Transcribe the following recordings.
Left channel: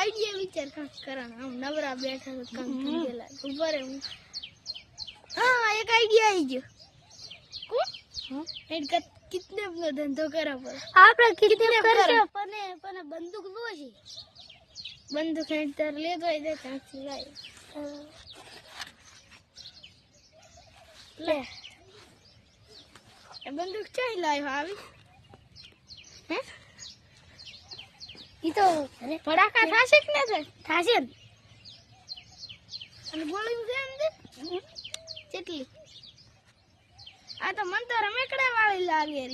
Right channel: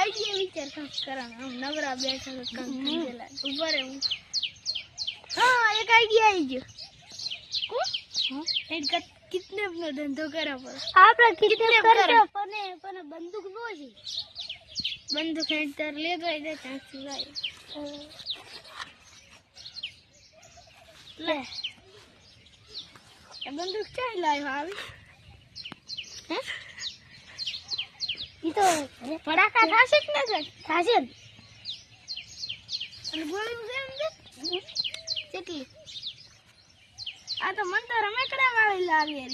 idea विचार करा हम नवरा बैठा तो कंटेला ऊपर है हां एक आइडिया आई जो को हां एक कितने નો ધંધો કરા પર આપણે કિડનેપ કરશે પણ બંદૂક નો છે બંદૂક હેતર લે ગઈ દે ચલાય લે એ બંદૂક ચાઈ લાયો આવી હે ઈ તો ફડાકા થાશે કે ના થાશે અને ગોળી જેમ દે કેટલી આ તો મન તો રમેકડા વાળી લાવી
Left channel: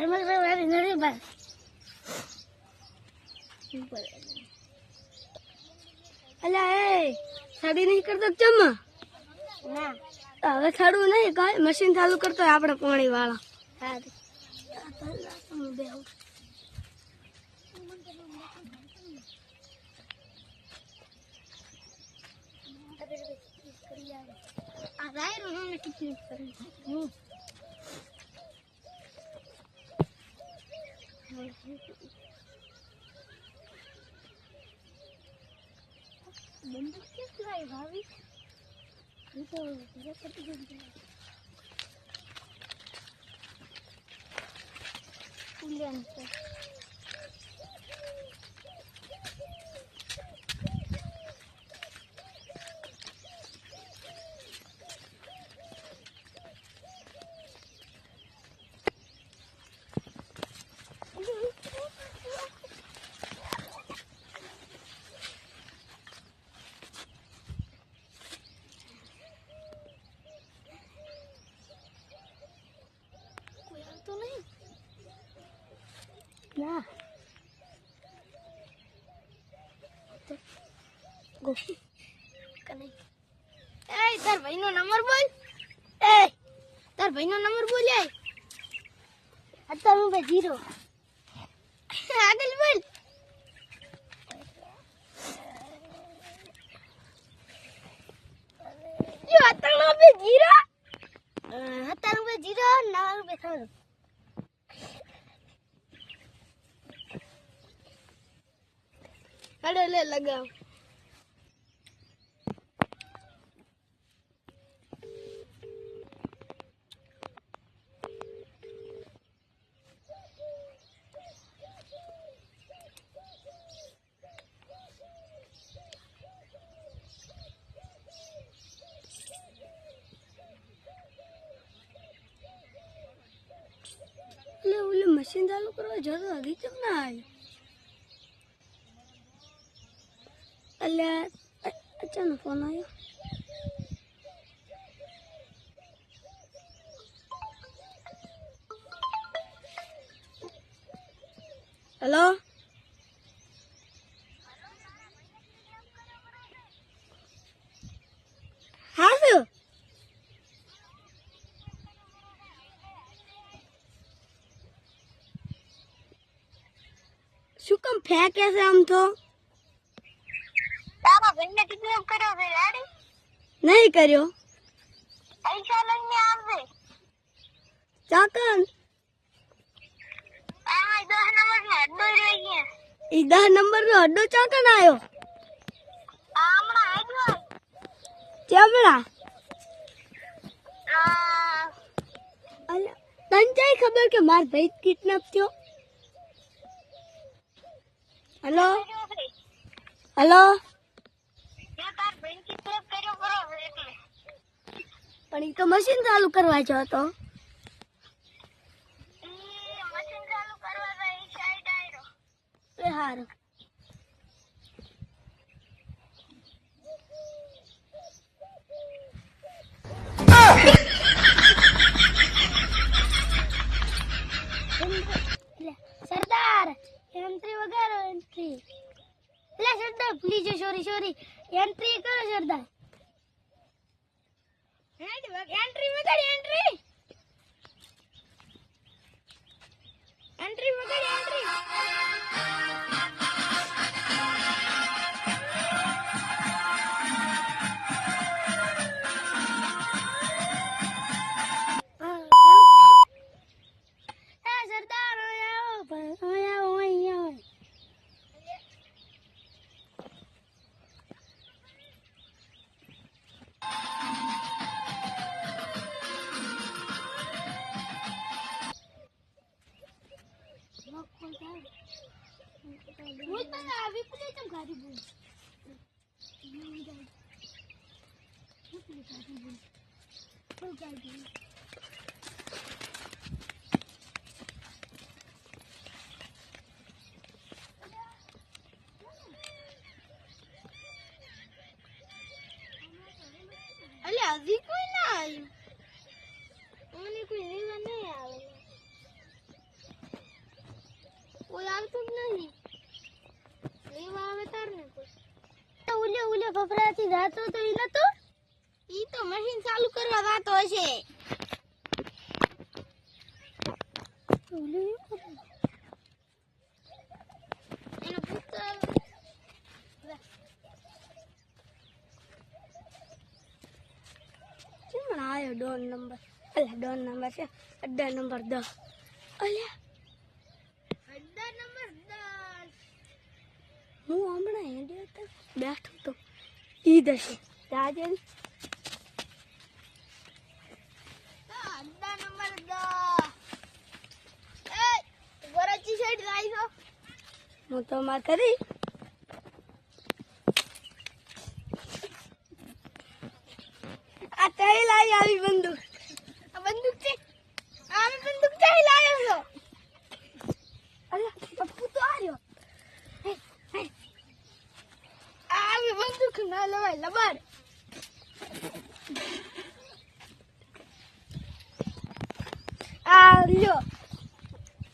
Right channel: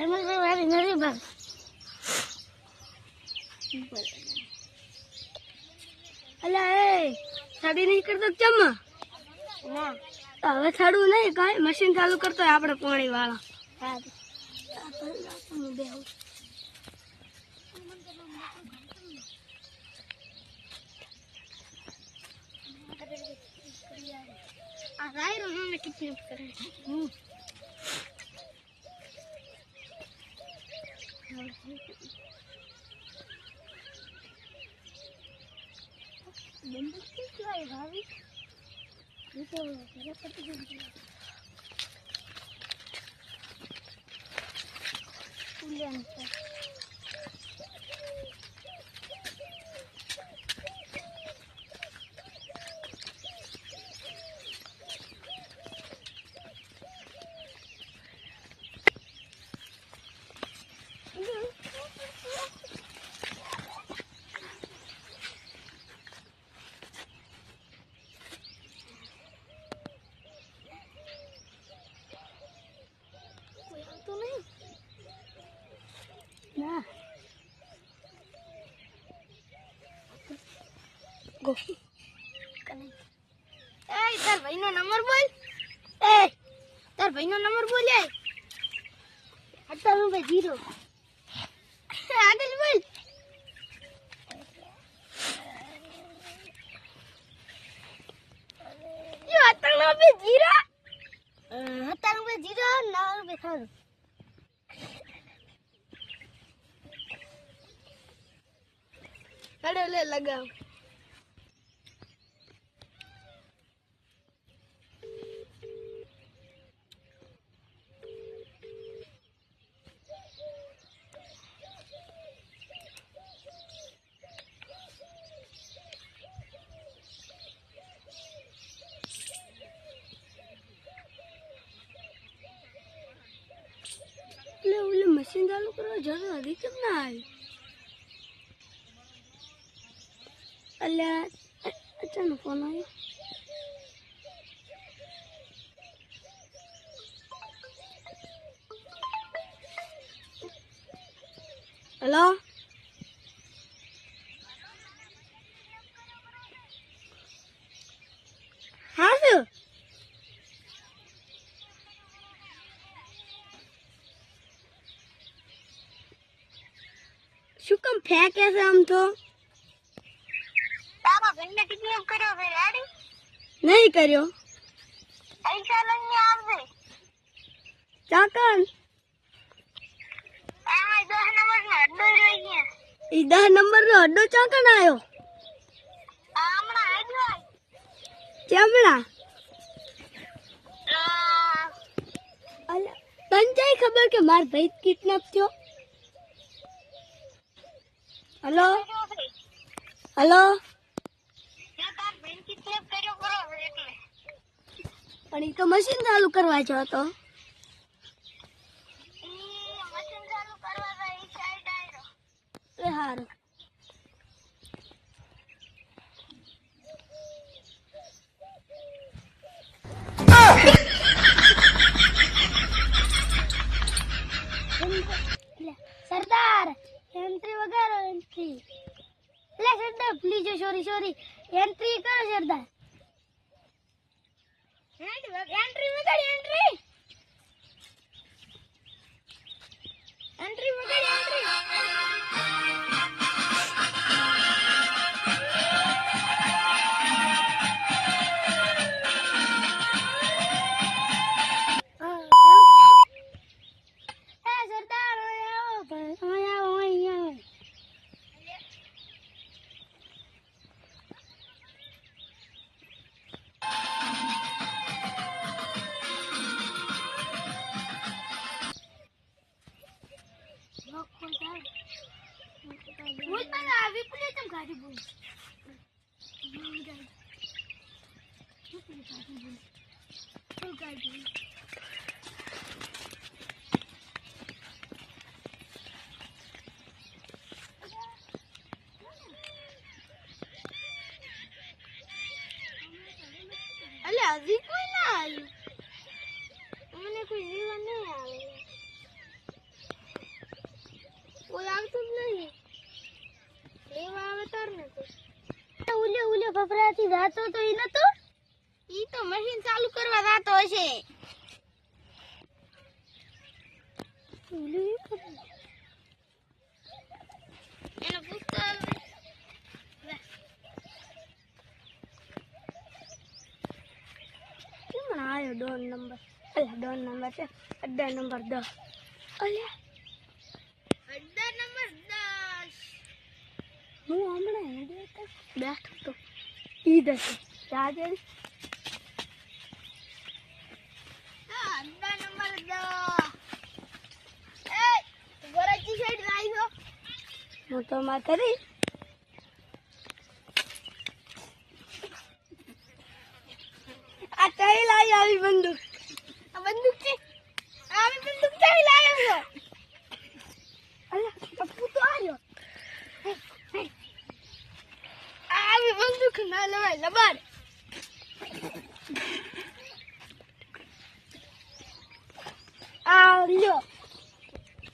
રમેકડા વાળી નથી ભાઈ અલા એ સાડી નહીં કરતો ચમ ના હવે સાડું નહીં કાંઈ મશીન ચાલુ કરતો આપણે પાણી વાળા હા आ राय में कितने करे बंदूक किस लाए भाभी ये तो मेरा पति को उलियन से तो नहीं क्या गो कने ए तार भाई नो नंबर बोल ए तार भाई नो नंबर बोल ए 98 आगे बोल यो 98 था अरे ले लगाओ ले मशीन चालू करो जरा दिक्कत ना आई अल्लाह अचानक फोन आया हेलो हाँ सर શું કામ ફેંકે છે આમ તો તારા ભાઈને કિડનેપ કર્યો છે ગાડી નહીં કર્યો પૈસા લઈને આવજે ચાકન આ 10 નંબરનો અડ્ડો રહી ગયા ઈ 10 નંબરનો અડ્ડો ચાકન આવ્યો હમણાં આવ્યો ચમડા તને ચાઈ ખબર કે માર ભાઈ કિડનેપ થયો हेलो हेलो પણ ઈ તો મશીન ચાલુ કરવા જો તો મશીન ચાલુ કરવા જાય સાઈડ આયરો એ હારું सरदार एंट्री वगैरह एंट्री ले सरदार प्लीज सॉरी एंट्री करो सरदार एंट्री वगैरह एंट्री वगैरह एंट्री सरदार બોલ પણ આવી પણ તમ ગાડી બોલ ગાડી અલે હજી કોઈ ના આવ્યું મને કોઈ લેવા નહીં આવે કોઈ આવતું જ નહીં લેવા આવે તાર ને કોઈ ઉલે ફફરાથી જાતો તો ઈ નતો ઈ તો મશીન ચાલુ કરવા જાતો હશે એને પૂછતો કોણ આવ્યો ડોન નંબર અલ્યા ડોન નંબર છે અડ્ડા નંબર 10 અલ્યા અડ્ડા નંબર 10 હું હમણાં હેડે તો બેઠો તો ઈ દશે રાજન અડ્ડા નંબર 10 એ ગરાચી સાઈડ રાઈજો હું તો માર કરી આ કઈ લાવી આવી બંદૂક આ બંદૂક છે આવી બંદૂક કઈ લાવ્યો છો અલ્યા પપ્પુ તો આવ્યો આવી બંદૂક ના લેવાય લબાડ આ લ્યો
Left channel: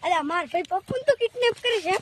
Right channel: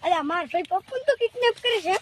અલ્યા માર ભાઈ પપ્પુ તો કિડનેપ કરે છે